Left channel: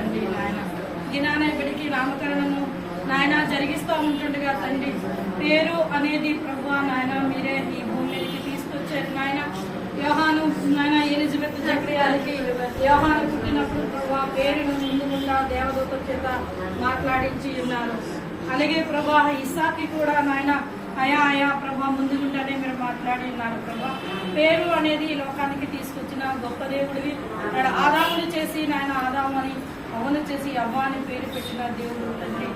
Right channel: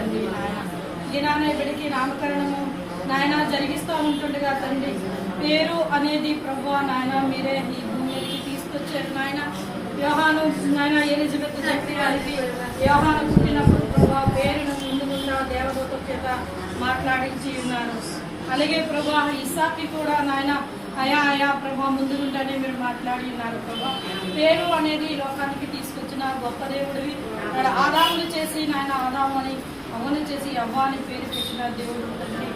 తండ్రి నాయన. ఈ నామకరణము నాయన జరిగిస్తూ ఉంటుండగా తండ్రి పేరు అనేది ప్రభు నాయన మీరే ఈ భూమి మీదకి తీసుకొచ్చారు నాయన. వ్యవహాను నాయన ఎలిజబెత్ చక్రియాలకి యోహాను పుట్టినప్పుడు ప్రభు పేరును ముందు ముందుగా దేవదూత చేత మాట్లాడించి ఉన్నారు అలాగే ప్రభా ఇసాకి కూడా నాయన అయా అయా ప్రభా ముందుగుంటానే మీరు మాట్లాడి ఉన్నారు ప్రభా పేరు అనేది లోకానికి తీసుకొచ్చిన గొప్ప దేవుడివి. ఆదాములు చేసి నాయన ఆదాము అని అవును చేసి అవ్వ అని పేరు పెట్టిన దేవుడు తండ్రి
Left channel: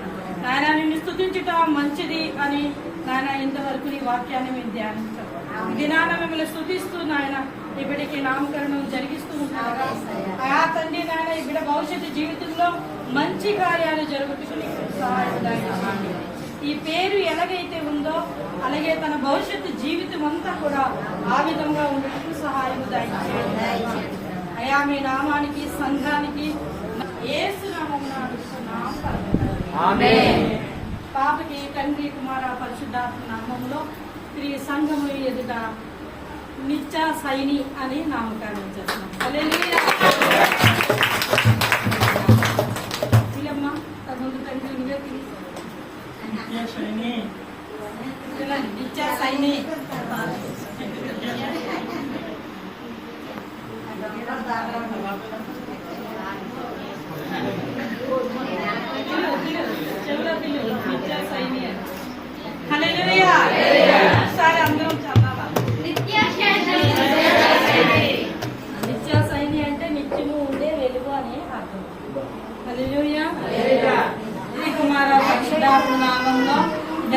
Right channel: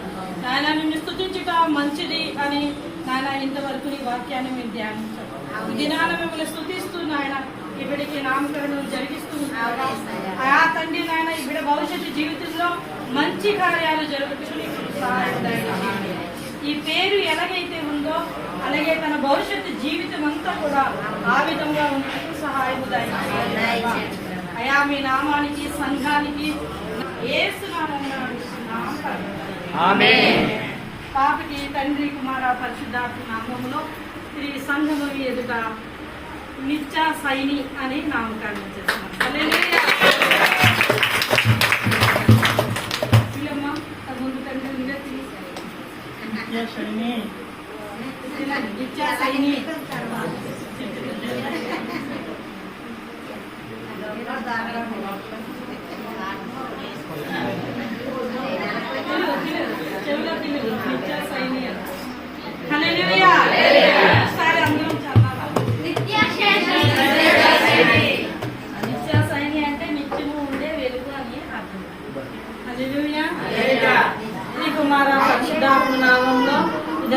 నాయన నిన్ను స్థుతించుట మంచిది అని నాయన ఇంతవరకు నీ వాక్యాన్ని మేము ధ్యానించాం ఈ దినాన మిమ్మల్ని స్థుతిస్తూ నాయన ఈ బిడ్డకి నామకరణం జరిగిస్తూ ఆ తండ్రి నాయన ఈ బిడ్డ భవిష్యత్తు జీవితంలో మంచి కార్యాలు జరుగుతుంది దయచేయండి. ఈ పేరు ఎలాగైతే ఉందో అలాగే తన భవిష్యత్తు జీవితం అంతా కూడా ఆ విధంగా ఉండటం సహాయం. అయా మీ నామానికి సంఘానికి పాపకి తండ్రి కుమార పరిశుద్ధాత్మ నామంలో ఈ సంఘము ఎదుట నిత్య సైని అని నామకరణం చేస్తున్నాం. హల్లెలూయా. వీళ్ళమ్మ, తమ్ముడు తండ్రి నువ్వే పిలిచారు. ఇలా నిత్య సైని.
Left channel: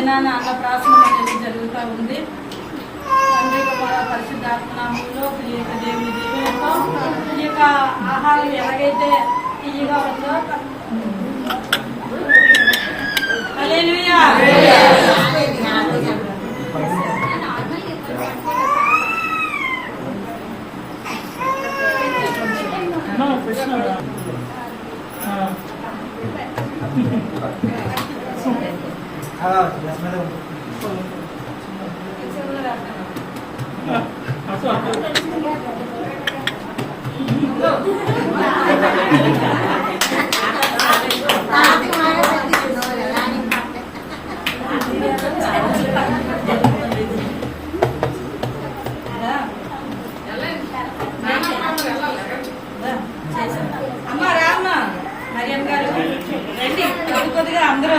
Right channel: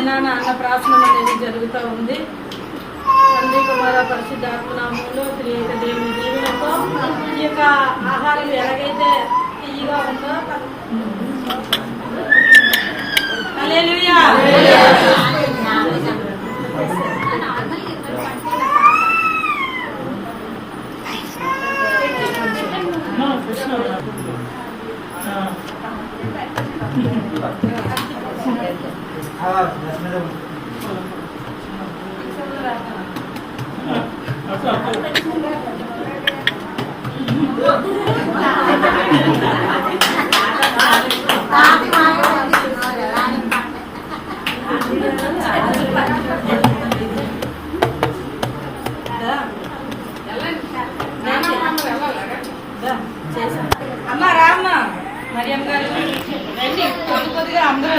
జనాన అన్నప్రాసన అనేది జరుగుతూ ఉంది తండ్రి పరిశుద్ధాత్మనామంలో పరిశుద్ధాత్మ నామంలో దేవుని దేవునితో ఈ యొక్క ఆహారం ఎలాగైతే తీయగా ఉందో హల్లెలూయా. అమ్మ రామ్మ. మరియమ్మ గారు. రండి కొద్ది కొద్దిగా అందరూ.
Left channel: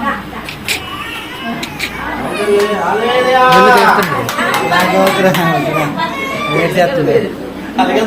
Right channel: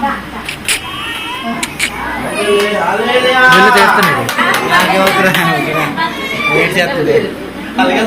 Thank. వీళ్ళు చేస్తున్నాడు వెయిట్ చేస్తుంది. అలాగే